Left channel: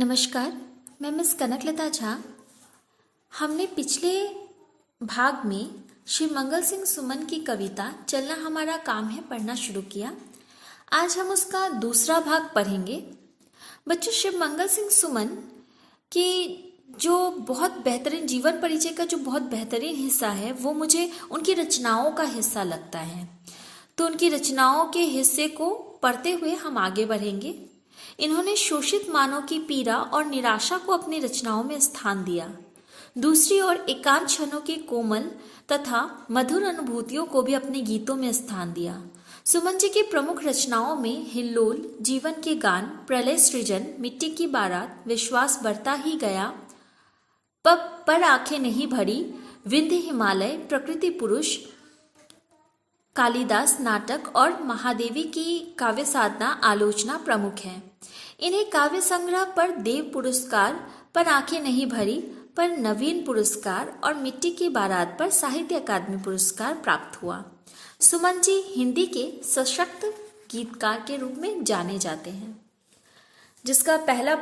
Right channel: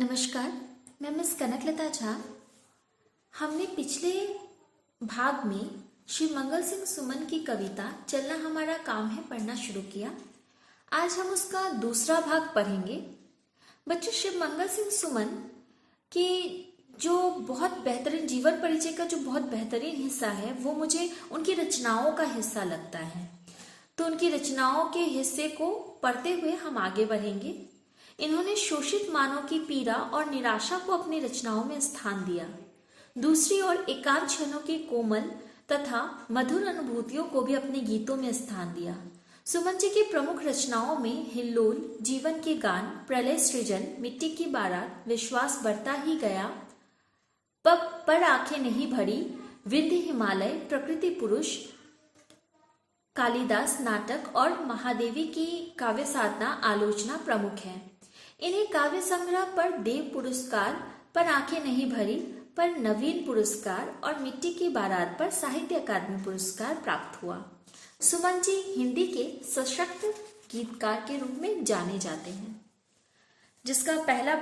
नमस्कार, मैं मिस कनकलता झा। हमने पिछले भाग में श्री मंगल सिंह सुमन की कविता चलना हमारा काम है पढ़ना शुरू किया। आज हम उसका दूसरा भाग पढ़ेंगे। बच्चों, श्री मंगल सिंह सुमन की जो बहुत बेहतरीन जीवन परिचय का जो बहुत बेहतरीन हिस्सा है वो मुझे उनकी रचनाओं का हिस्सा लगता है। तो उनकी रचनाओं के हिस्से को पढ़ते हुए हम आगे बढ़ेंगे। इन्होंने शोषित मानव की पीड़ा और निराशा को अपनी रचनाओं में स्थान दिया। दूसरी ओर एकांत क्षणों की कोमल तथा मधुर अनुभूतियों को भी अपने गीतों में स्थान दिया। सुमन जी की प्रमुख रचनाओं में हिल्लोल, जीवन के गान, प्रलय सृजन, मिट्टी की बारात, विश्वास बढ़ता ही गया, पर आंखें नहीं भरी, विंध्य हिमालय, प्रकृति पुरुष, कालिदास नाटक और महादेवी की काव्य साधना आलोचना प्रमुख है। इन्हें काव्य संग्रह पर देव पुरस्कार, पर आंखें नहीं भरी पर नवीन पुरस्कार और मिट्टी की बारात पर साहित्य अकादमी पुरस्कार प्राप्त हुआ। सुमन जी हिंदी के सशक्त गीतकार के रूप में जाने जाते हैं। जिसका पहला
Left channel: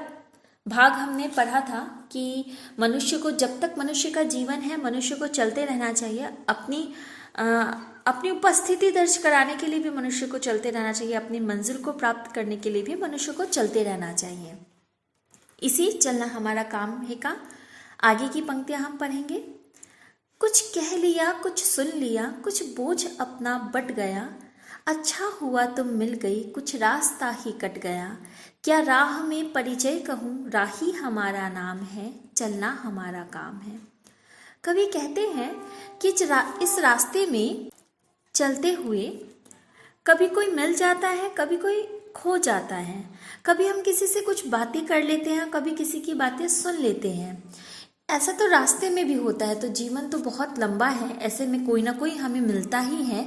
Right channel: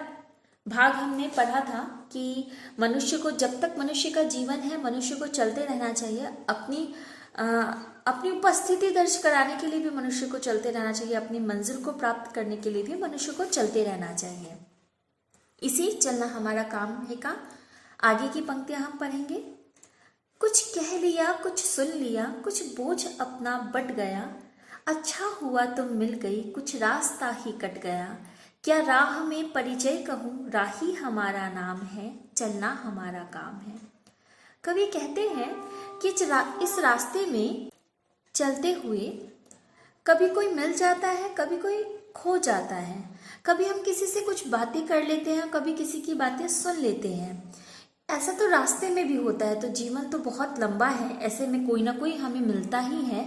भाग हमने पढ़ा था कि मनुष्य को, जब तक मनुष्य का जीवन है, मनुष्य को चलते रहना चाहिए। अपनी उपस्थिति दर्ज कराने के लिए भी मनुष्य को चलते रहना चाहिए। अपनी मंजिल को प्राप्त करने के लिए भी मनुष्य को चलते रहना चाहिए। इसी चलना हमारा काम है का आगे की पंक्तियां हम पढ़ेंगे। कुछ कह लिया, कुछ सुन लिया, कुछ बोझ अपना बट गया, अच्छा हुआ तुम मिल गई, कुछ रास्ता ही कट गया, क्या राह में परिचय कहूँ, राही हमारा नाम है, चलना हमारा काम है। कवि कहते हैं कि इस रास्ते में चलते हुए कभी कोई मिल जाता है, कभी कोई खो जाता है, कभी हम किसी से कुछ बातें कर लेते हैं, कभी किसी की बातें सुन लेते हैं। ऐसा तो रास्ते में भी होता है। तो जीवन तो बहुत लंबा है, ऐसे में कोई ना कोई हमें मिलता ही है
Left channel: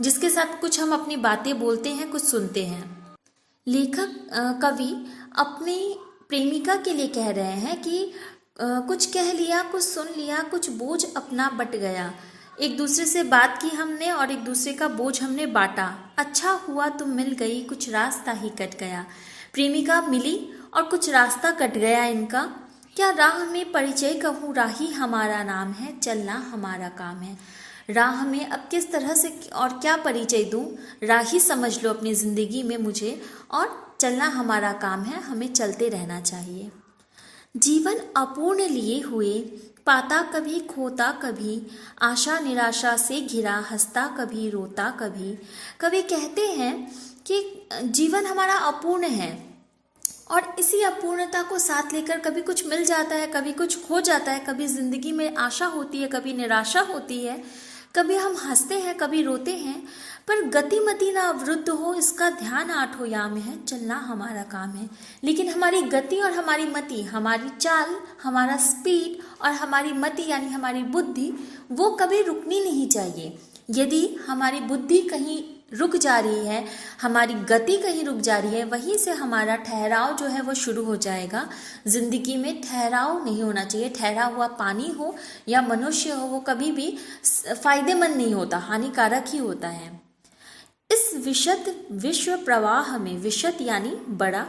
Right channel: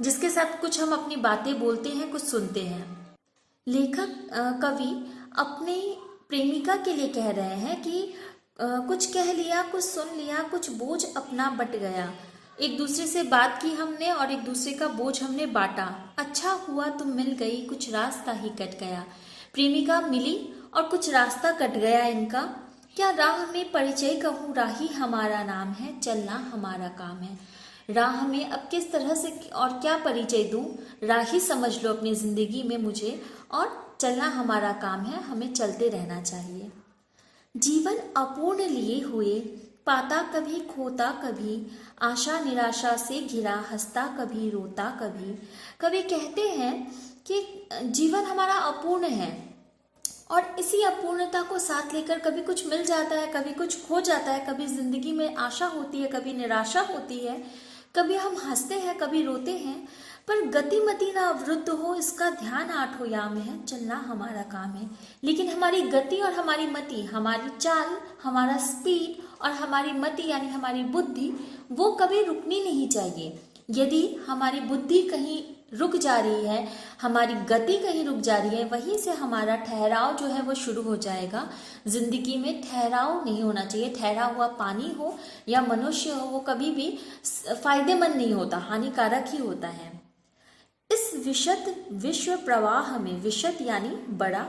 जिसके साथ कुछ हम अपनी बातें बोलते हैं, कुछ सुनते हैं। लेखक कवि अपनी प्रेमिका के लिए कह रहे हैं कि कुछ कह लिया, कुछ सुन लिया, कुछ बोझ अपना बट गया। एक दूसरे से बात की हमने और एक दूसरे का बोझ हमने बांटा। अच्छा हुआ तुम मिल गई, कुछ रास्ता ही कट गया। प्रेमिका मिली और कुछ रास्ता कट गया इनका। क्या राह में परिचय कहूँ, राही हमारा नाम है, चलना हमारा काम है। राह में अब किस तरह से और क्या परिचय दूँ, राही समझ लो अपनी जिंदगी में मुझे, और चलना हमारा काम है, हमें चलते रहना चाहिए। जीवन अपूर्ण लिए हुए, पाता कभी खोता कभी, आशा निराशा से घिरा, हंसता कभी रोता कभी। कवि कहते हैं कि जीवन हमारा अपूर्ण है और इसी अपूर्णता को साथ लेकर कभी कुछ मिल जाता है, कभी कुछ खो जाता है, कभी जिंदगी में आशा होती है, कभी निराशा होती है, कभी हम हंसते हैं, कभी रोते हैं, पर गतिमति ना अवरुद्ध हो, इसका ध्यान आठों याम है, चलना हमारा काम है। लेकिन हमारी गति और हमारी मति, हमारी चाल, हमारा स्पीड और हमारी मति यानी हमारी बुद्धि, वो कभी रुकनी नहीं चाहिए। यदि हमारी बुद्धि कहीं रुक जा रही है, हमारी गति कहीं रुक जा रही है, वहीं से हमारा ठहराव जो है वो शुरू हो जाएगा। जिंदगी में ठहराव नहीं होना चाहिए। ठहरा हुआ पानी हो या मनुष्य हो, वो कभी भी फायदेमंद नहीं होता, हानिकारक ही होता है। इस विशद विश्व प्रवाह में, विशद यानी बड़ा,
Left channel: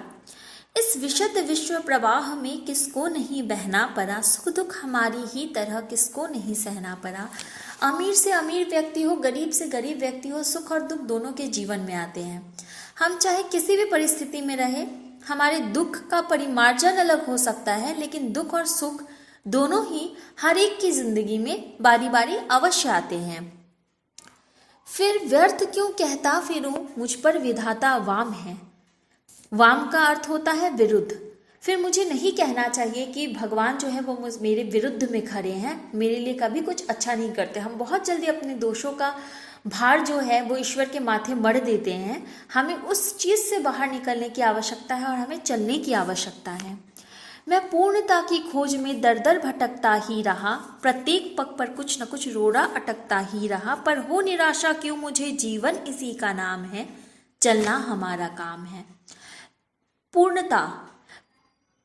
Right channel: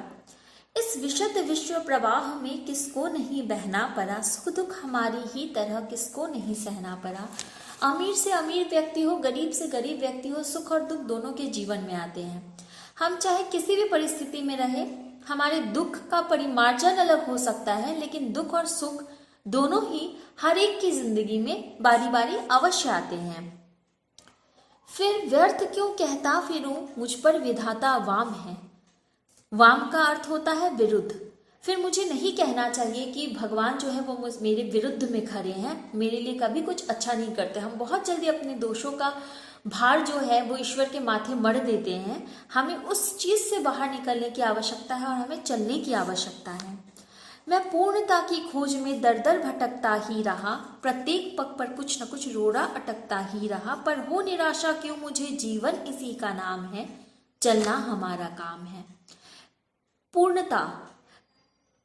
इस विशद विश्व प्रवाह में किसको नहीं बहना पड़ा, सुख दुख हमारी ही तरह किसको नहीं सहना पड़ा। अमीर से अमीर व्यक्ति हो, गरीब से गरीब व्यक्ति हो, सुख और दुख दोनों के जीवन में आते हैं। हम चाहे किसी भी परिस्थिति में रहे, हमारे दुख का परिमार्जन अलग हो सकता है, लेकिन दुख और सुख दोनों ही हर एक की जिंदगी में बारी बारी अवश्य आते हैं। फिर व्यर्थ क्यों कहता फिरूं, मुझ पर विधाता वाम है। वाम का अर्थ होता है विरुद्ध। फिर मुझे नहीं कहना चाहिए कि भगवान जो है वो मेरे विरुद्ध में खड़े हैं, मेरे लिए कभी कुछ अच्छा नहीं करते। हम बहुत जल्दी अपने दोषों का भार जो है वो ईश्वर के माथे मढ़ देते हैं। हमें उस चीज़ से बाहर निकलने की आवश्यकता है और हमें चलने की आवश्यकता है। मैं पूर्णता की खोज में दर दर भटकता ही रहा, प्रत्येक पग पर कुछ न कुछ रोड़ा अटकता ही रहा, पर हो निराशा क्यों मुझे, जीवन इसी का नाम है, चलना हमारा काम है। पूर्णता,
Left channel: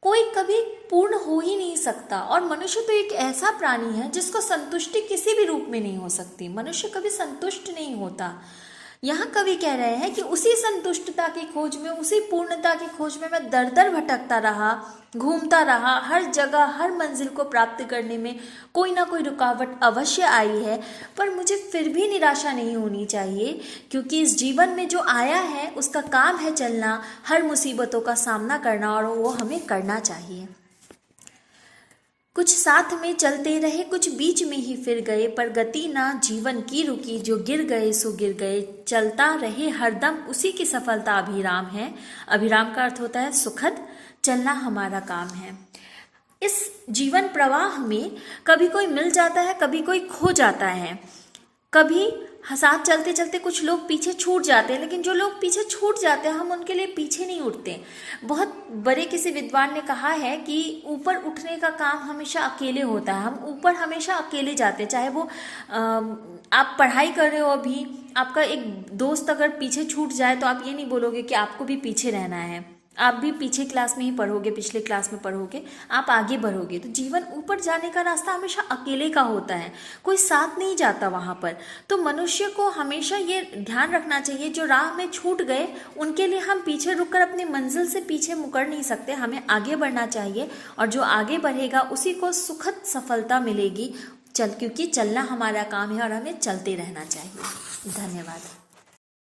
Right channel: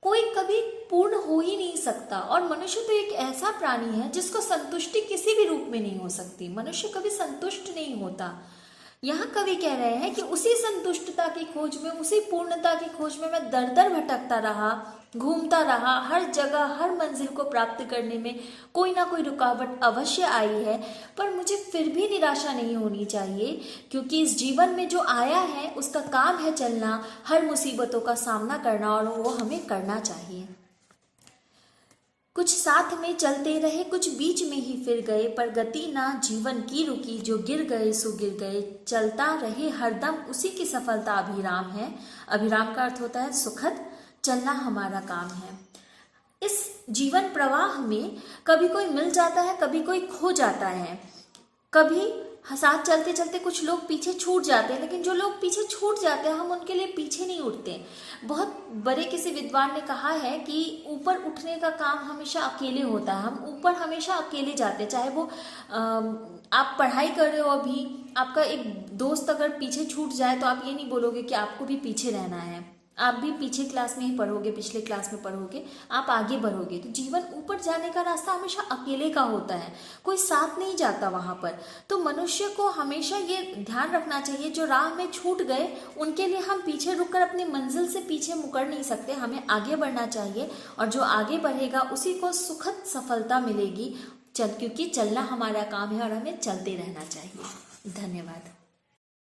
कोई कभी पूर्ण हो ही नहीं सकता और मनुष्य तो एक ऐसा प्राणी है जिसको संतुष्टि किसी भी रूप में नहीं हो सकती। मनुष्य कभी संतुष्ट नहीं होता। यहाँ कवि कह रहे हैं कि उसी संतुष्टता की खोज में, उसी पूर्णता की खोज में मैं दर दर भटकता रहा, घूमता रहा। हर जगह, हर मंजिल को प्राप्त करने में कोई ना कोई रुकावट अवश्य आई है, पर मुझे फिर भी निराशा नहीं होनी चाहिए, क्योंकि इस जीवन में जो आया है उसका काम है चलना, हर मुसीबतों का सामना करना, और वो हमें करना चाहिए। कुछ साथ में चलते रहे, कुछ बीच में ही फिर गए, पर गति ना जीवन की रुकी, जो गिर गए सो गिर गए। चलता रहे हरदम, उसी की सफलता अभिराम है। अभिराम का अर्थ होता है सुखद, चलना हमारा काम है। इस जीवन प्रवाह में कभी कोई मिल जाता है, कभी कोई खो जाता है, कभी साथ चलते चलते कुछ लोग पीछे छूट जाते हैं, लेकिन जो लोग पीछे छूट जाते हैं हम उनके लिए पीछे नहीं उठते। बहुत बड़े किसी विद्वान ने कहा है कि ऊपर उठने का काम हमेशा अकेले होता है, हम ऊपर हमेशा अकेले जाते हैं। चाहे वो आप पढ़ाई कर रहे हो, अभी आपका एक दोस्त अगर पीछे छूट जाए तो आप ये नहीं बोलोगे कि आपको भी पीछे रहना है, आप भी पीछे क्लास में ही पढ़ोगे, पिछले क्लास में पढ़ोगे, आप आगे बढ़ोगे। तो जीवन ऊपर जाने का रास्ता हमेशा अकेले का होता है, कोई साथ नहीं जाता वहाँ पर। तो मनुष्य को हमेशा ये ध्यान रखना चाहिए, जो राह में छूट गए उनके लिए हम पीछे रुककर अपनी मंजिल से पीछे मुकर नहीं सकते, हमें आगे बढ़ना चाहिए, और जो आगे बढ़ेगा उसी को सुखद सफलता मिलेगी। क्योंकि चलना हमारा काम है और हमें चलते रहना चाहिए। धन्यवाद।